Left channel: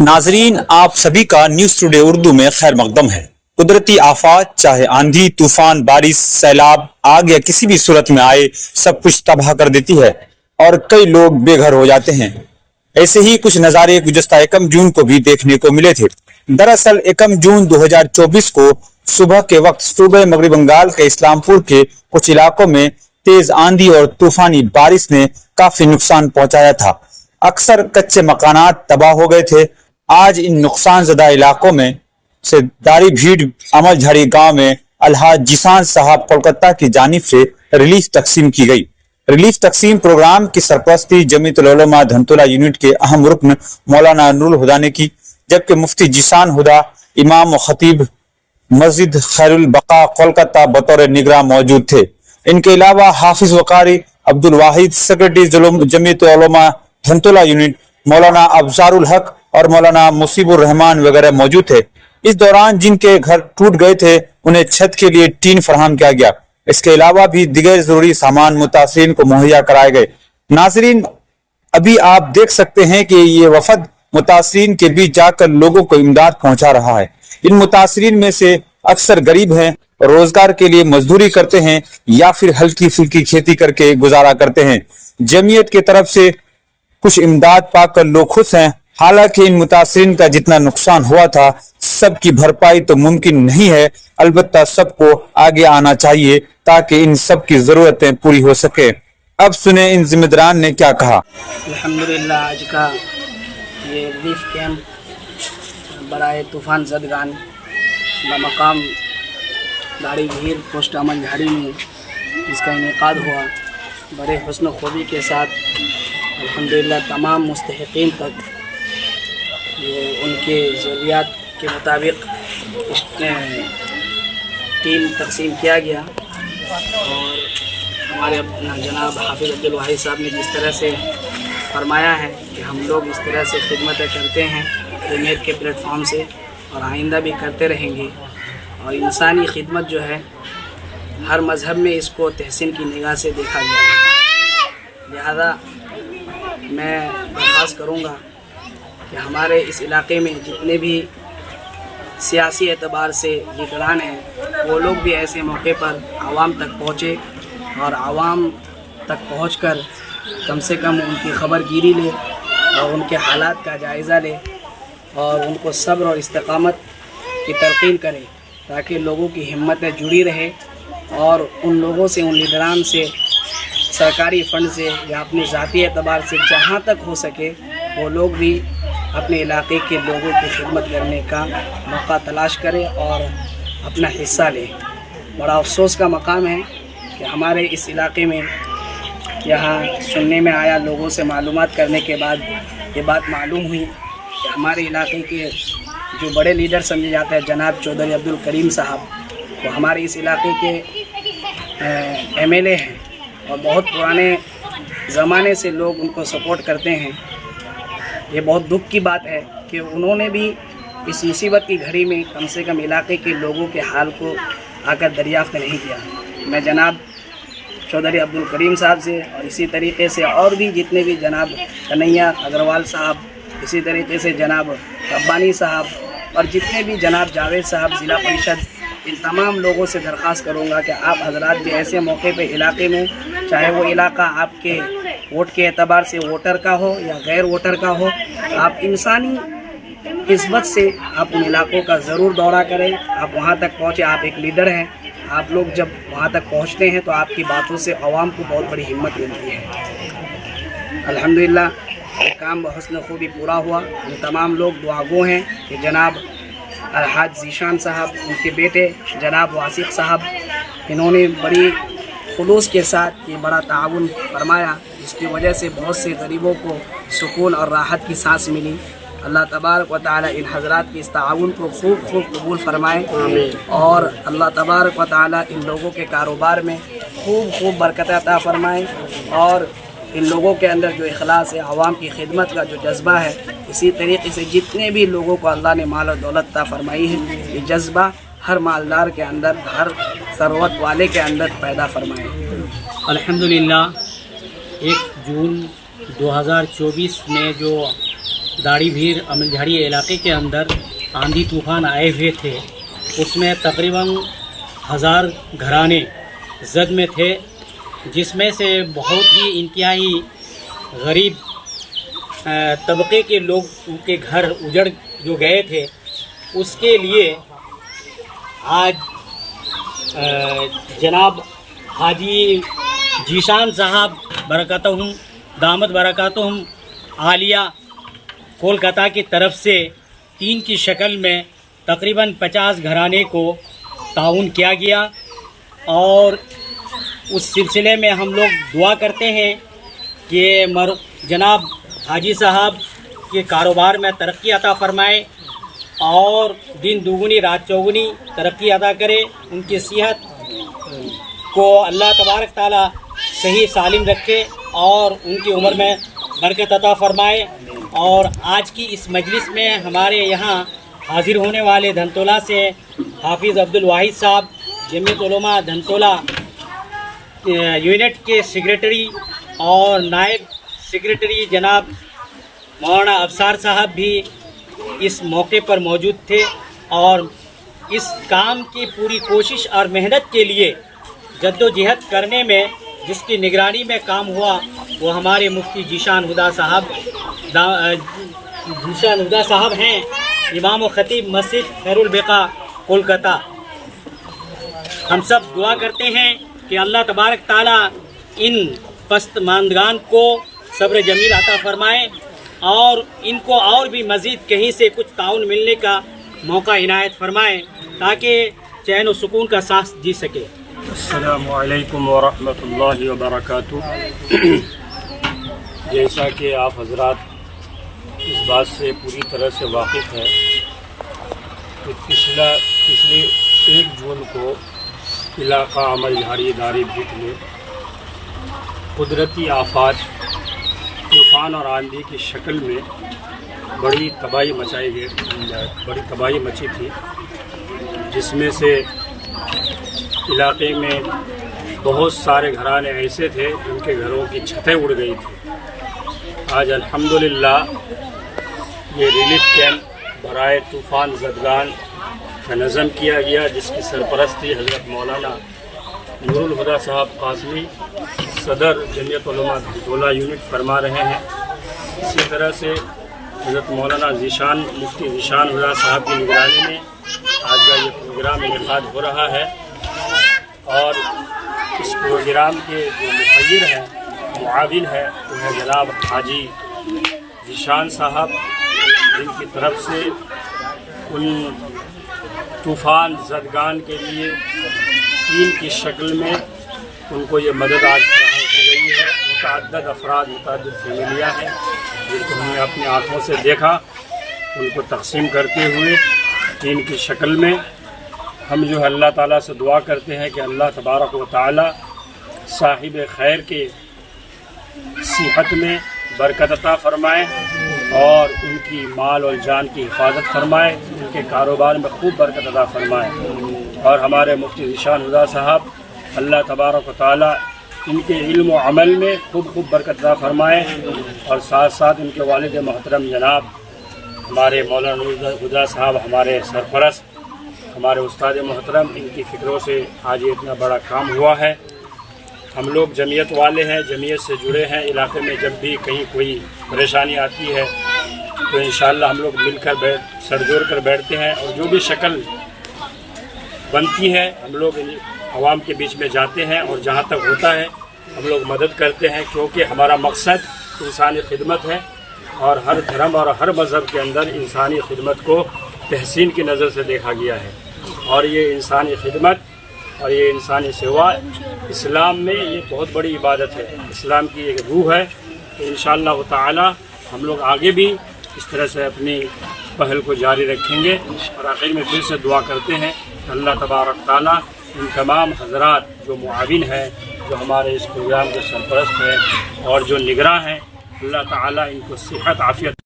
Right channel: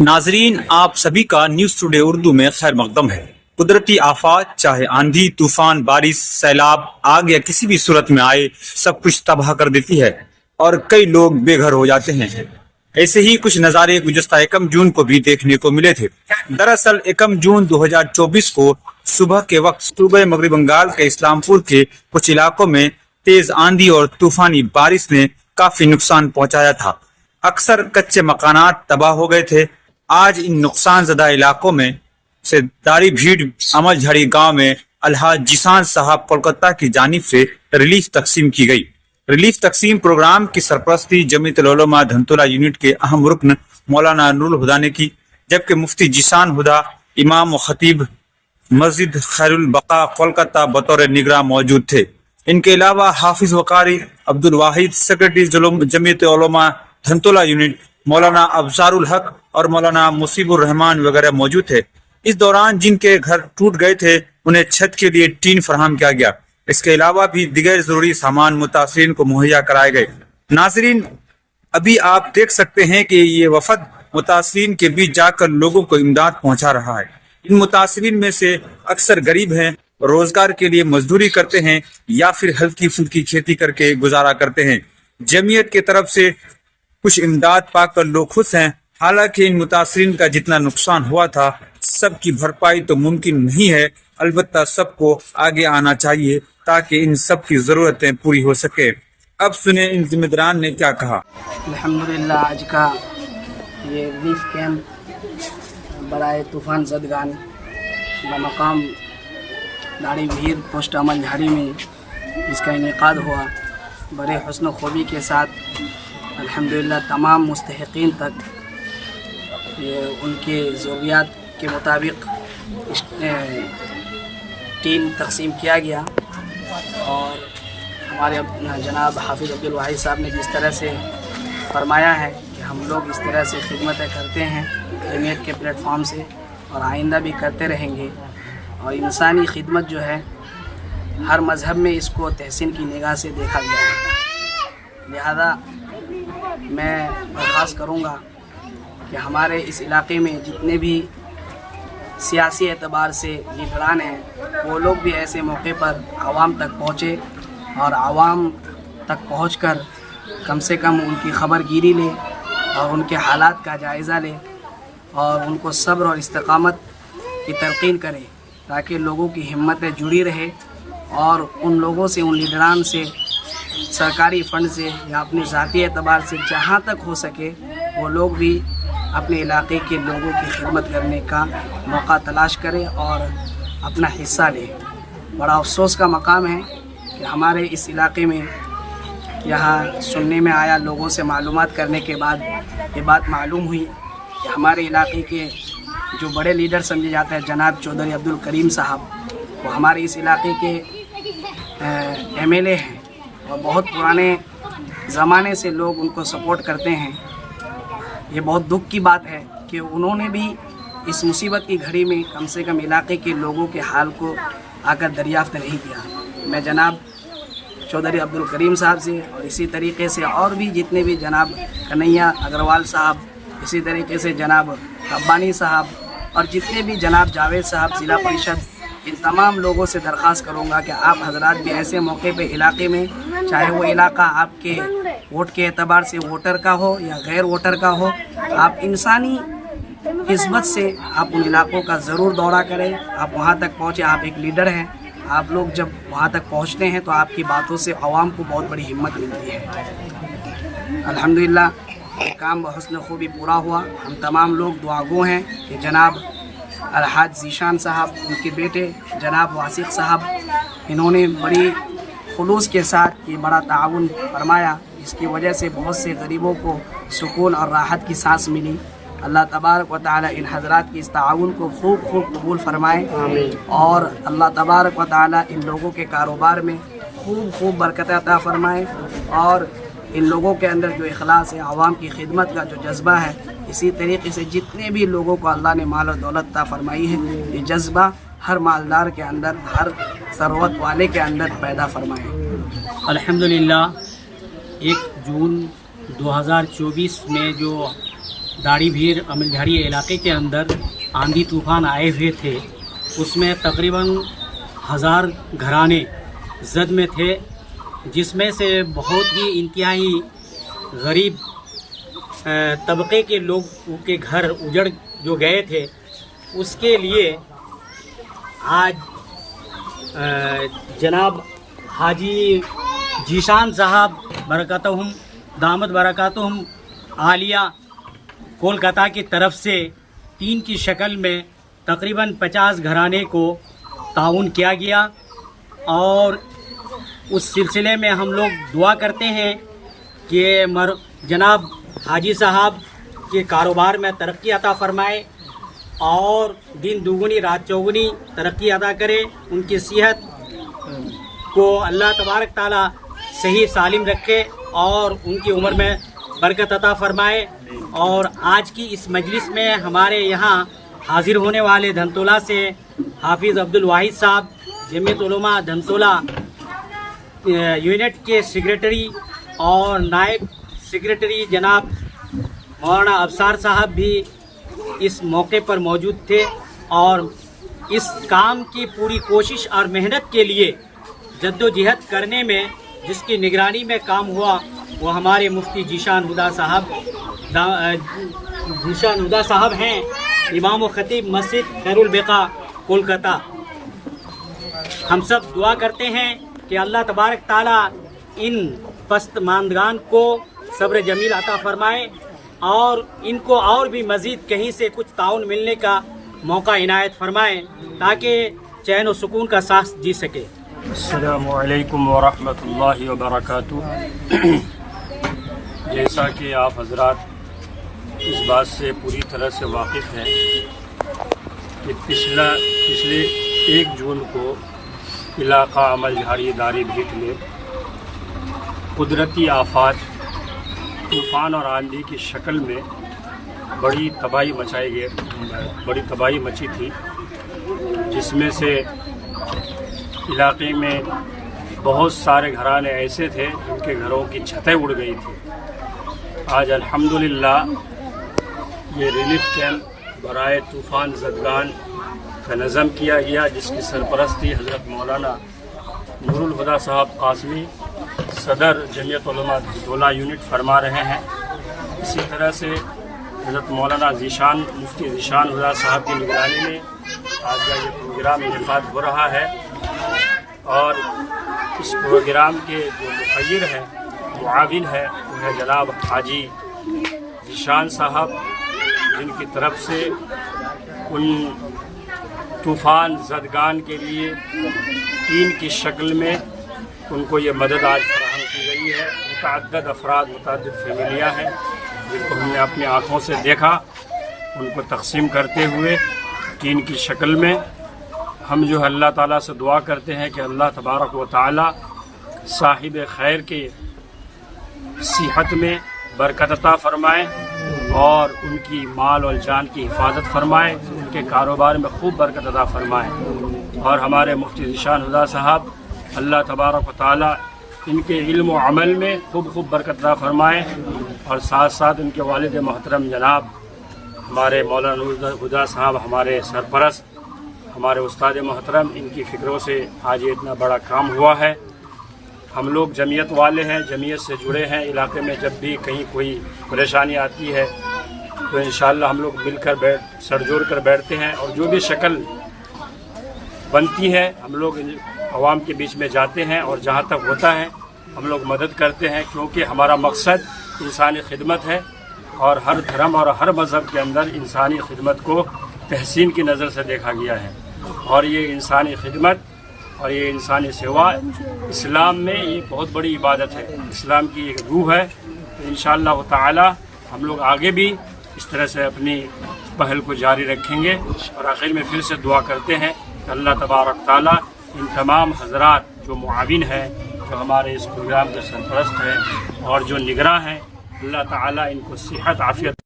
नाजरीन, आप सभी का न्यूज टुडे उर्दू में खैर मकदम है। कुदरती आफात चाहे आंधी, तूफान, बारिश, सैलाब, आग या किसी भी सूरत में आए, सब कुछ तबाह कर देती है और कई लोग बेघर हो जाते हैं। ऐसे ही कुछ नज़ारे गुज़श्ता 1 जून को भी देखने को मिले थे। दरअसल 1 जून 2024 को सुबह के वक्त सूबे मगरबी बंगाल के इस्लामपुर के कुछ इलाकों में तेज आंधी और तूफानी बारिश ने काफी नुकसान पहुंचाया था। अक्सर कच्चे मकानात तबाह हो गए थे। आज इन नुकसान ज़दा इलाकों में से दारी भीड़ अमल झड़ी गाँव में अलहाज जिसान साहब कोलकाता की जानिब से रिलीफ तकसीम की गई। रिलीफ तकसीम प्रोग्राम की सरपरस्ती जमीयतुल उलमा धनतोला यूनिट के अहम रुकन मौलाना नूरुल हुदा ने की, जबकि मुफ्ती जिसान हुदा, इमाम व खतीब मस्जिद खैरुल बका कोलकाता बतौर निगरां मौजूद थे। इनके अलावा हाफिज वकारी अब्दुल वाहिद, सेक्रेटरी जमीयत उलमा धनतोला यूनिट मौलाना अफजारुल हक और मौलाना मुसीबुर रहमान वगैरह मौजूद थे। इस दौरान जिनके घर टूट गए थे उन्हें छत के लिए टीन फराहम किया गया। इसके अलावा भी दिगर जरूरी सामान मुतासरीन को मुहैया कराए गए। नाजरीन, अभी आप देख सकते हैं कि ये वफद मुतासरीन के बीच जाकर लोगों को इमदाद पहुंचा रहा है। इन मुतासरीन में से अक्सर गरीब हैं, रोजगार के लिए मजदूरी करते हैं या फिर हल्की फुल्की खेती करके गुजारा करते हैं। जमीयत की तरफ से कुछ इमदाद पाकर लोग खुश हैं। हालांकि इन मुतासरीन का जितना नुकसान हुआ था सबकी भरपाई तो मुमकिन नहीं है, अलबत्ता सबको आगे आना चाहिए ताकि इन सब की जरूरतें पूरी हो सके। अब सुने इन जिम्मेदारान ने क्या कहा। अल्हम्दुलिल्लाह, आज का ये रिलीफ कैंप बराए तूफ़ान ज़दगान बमकाम दारी भीड़ पोस्ट अमन झाड़ी में इसका इनेकाद हुआ। बड़े हुस्न खूबी के साथ अल्हम्दुलिल्लाह तमाम मुस्तहिक़ीन तक ये उनके ज़रूरियात के मुताबिक टीम तकसीम किया गया। और हमारे जनाब हाफिज़ अब्दुल वाहिद साहब ने जिस तरह से फरमाया है कि हम लोग इस तरह से खिदमतें करते हैं नेट के प्लेटफॉर्म से और आइंदा भी करते रहेंगे। और इंसानी खिदमत जो है हर मज़हब में इसको तहसीन की निगाह से देखा गया है। लिहाजा मैं दरख्वास्त करूँगा कि हमारे इस इलाके में जितने भी सियासी एतबार से लीडरान हैं वो लोग भी ऐसे मौके पर आवाम तक पहुँचे और आवाम तक पहुँचकर कम से कम उनकी ख़बरगिरी ले और उनके हालात का जायज़ा ले और उनको सब्र और इस्तकामत की तलक़ीन करें ताकि लोगों की हिम्मतें जुड़ी रहे और उन लोगों से, उन लीडरान से सरकारी फ़ंड से या अपने ज़ाती एतबार से जहाँ तक हो सके वो लोग भी अपने इलाके के लोगों की खिदमत करने का मौका तलाश करें और अपना हिस्सा लें। बड़ा अफसोस का मकाम है कि हमारे इस इलाके में यहाँ सुनने में आया, लोगों से मालूमात करने के बाद ये बात मालूम हुई कि हमारे इलाके के जो बड़े लीडर समझे जाते हैं जनाब चौधरी अब्दुल करीम साहब, वो हमारे इस इलाके के MLA हैं और बहुत पुराने ज़माने से लोग उनको सपोर्ट करते हैं। ये बहुत दुख की बात है कि उन्होंने भी इस मुसीबत की घड़ी में कम से कम इलाके के लोगों के हाल को आकर दरियाफ़्त नहीं किया। मैं जनाब चौधरी अब्दुल करीम साहब से और इसी तरीके से और भी जितने भी जनाब कन्हैया अग्रवाल साहब, इसी तरीके से जनाब रब्बानी साहब और जितने भी जनाब जावेद साहब ज़िला परिषद, इन तमाम लोगों से दरख्वास्त करूँगा कि आप हजरात भी ऐसे मौके पे इलाके में, चाहे वो इलाका आपके वोट के एतबार से वोटर का हो या गैर वोटर का हो, आप इंसानी किस्मत से आप उन इलाकों का ज़रूर दौरा करें। आप वहाँ तक पहुँचे, आप एक लीडर हैं, आप लोग जब वहाँ तक पहुँचते हैं तो आपकी बातों से आवाम को बहुत बड़ी हिम्मत मिलती है। अल्हम्दुलिल्लाह, ये काम बहुस्न खूबी पूरा हुआ। हम तमाम लोग दुआगो हैं कि जनाब अलहाज ज़ीशान साहब, उनके बेटे जनाब वासिक साहब, इन्होंने बड़ी खुलूस के साथ ये बड़ा ताउन फरमाया जिसकी वजह से बहुत से गरीबों को सुकून और राहत की सांस मिली। अल्लाह तबारक व तआला इन हज़रात के इस ताउन को खूब कबूल फरमाए और अल्लाह तबारक व तआला इन लोगों के कारोबार में खूब बरकत अता फरमाए और इन लोगों के अंदर जो इखलास है, आवाम की खिदमत का जो जज्बा है, इसी तरीके से जितने भी लोगों को अल्लाह ने माल और दौलत अता फरमाई है, ये जज्बा हर मालदार के अंदर, हर सरवत वाले के अंदर पैदा फरमाए। अल्हम्दुलिल्लाह, 1 जून 2024 में जो दाड़ी भीर अमलझाड़ी इलाके के अंदर आंधी तूफ़ान आए हुए थे, उसमें तकरीबन 1000 घराने जद में थे, जिसमें से बहुत ही इंतहाई गरीब तबके के लोग के घर उजड़ जो गए थे, उसके लिए आज जनाब हाजी जीशान साहब बरकतहुम दामद बरकतहुम आलिया कोलकाता की तरफ से टीम की शक्ल में तकरीबन 50 घराने को ताउन किया गया। और उस सिलसिले में हम लोग दुआ करते हैं कि जनाब हाजी साहब के कारोबार में तरक्की अता फरमाए और दिन दुगुनी रात चौगुनी तरक्की अदा करे, उनकी सेहत को अल्लाह तबारक ताला सही सालिम रखे और उनकी उम्र में बरकत अता फरमाए। और आज की इस मजलिस में हमारे यहाँ हाजिर होने वाले धनतोला से हाफिज़ अब्दुल वाहिद साहब, जमीयत उलमा धनतोला यूनिट के सेक्रेटरी और नायब सेक्रेटरी जनाब मौलाना अफसार साहब भी इस मौके पर मौजूद थे और इस काम की पूरी कोशिश और मेहनत के लिए जद्दोजहद करने में जिसकी निगरानी में काम हुआ वो हमारे मुफ्ती जीशान हुदा साहब हैं, इमाम व खतीब मस्जिद खैरुल बेका कोलकाता। हम सब दुआ करते हैं कि अल्लाह तबारक ताला इन पस्तमानदगान को सब्र जमील अता फरमाए और इनको और भी मज़ीद कहीं से कुछ ताउन मिलने का मौका इनायत फरमाए ताकि चैन व सुकून का सांस जी सके। अस्सलामु अलैकुम व रहमतुल्लाहि व बरकातुहू। जैसा कि आप हजरात इस बात से पूरी तरह से वाकिफ़ हैं कि पिछले 1 जून को इलाका अमलझाड़ी दारी भीट में कुदरती आफात तूफ़ान और आंधी की शक्ल में बड़ी तबाही मची थी, जिसमें से इलाके में बहुत सारे घराने ऐसे थे जिनके घरों की छतें उड़ गई थी। आज अल्हम्दुलिल्लाह ये रिलीफ कैंप बराए तूफ़ान ज़दगान का नज़म किया गया, जिसकी सरपरस्ती हज़रत मौलाना नूरुल हुदा साहब कासमी सदर जमीयत उलमा धनतोला यूनिट फरमा रहे हैं। इसी तरह से हज़रत मौलाना मुफ्ती जीशान हुदा साहब की निगरानी में आज का ये प्रोग्राम इनेकाद हो रहा है और इस प्रोग्राम के जो मुखय्यर हैं, मुआविन हैं, वो है जनाब हाजी जीशान साहब, जिनकी तरफ से उन तूफ़ान ज़दगान के लिए टीम की शक्ल में उनको ये मदद आज फराहम की गई है। मुतअद्दिद अफराद, मुतअद्दिद फैमिलियाँ हैं जिनको हमने अपनी आँखों से देखा, उनको तक़सीम करते हुए टीम की शक्ल में हम जो है अल्लाह ताला से दुआ करते हैं कि अल्लाह तबारक व ताला साहिब खैर के सेहत में बरकत अता फरमाए और उनकी माल और जान की हिफाजत फरमाए, उनके कारोबार में खूब बरकत अता फरमाए। और हमारे मुफ्ती जीशान हुदा साहब अल्लाह तबारक व ताला इनके इल्म व अमल में खूब बरकत अता फरमाए और साथ साथ उनके वालिद मोहतरम जनाब हमारे मौलाना हुदा साहब, हमारे सरपरस्त, हमारे उस्ताद मोहतरम, इनकी फ़िक्रों से आज ये इतना बड़ा काम हुआ है। हम लोग जमीयत वाले हैं, जमीयत से जुड़े हैं। इलाके में जब भी कहीं कोई परेशानी आती है तो इंशाअल्लाह हम लोग मिलकर सर जोड़ कर बैठते हैं और जो भी शक्ल बनती है हम लोग आवाम के बीच में जाते हैं और जहाँ तक होता है हम लोग मदद करते हैं, क्योंकि हमारा मकसद इंसानी खिदमत है और हर धर्म और हर मज़हब के अंदर इंसानी खिदमत को तहसीन की नज़र से देखा गया है और ये इंसानी खिदमत और ये इंसानी सेवा इस्लाम में ये बहुत बड़ी इबादत है, इस्लाम की एक रूह है। तो इंशाअल्लाह ताला हम लोग आगे भी इस तरह से अपनी पहल को जारी रखेंगे और आखिर में फिर से दुआ करते हैं कि अल्लाह तबारक ताला इन तमाम हजरात जो मुआविन हैं, जो हमारे इस प्रोग्राम के सरपरस्त हैं और जो निगरां हैं, अल्लाह ताला इनको सेहत आफियत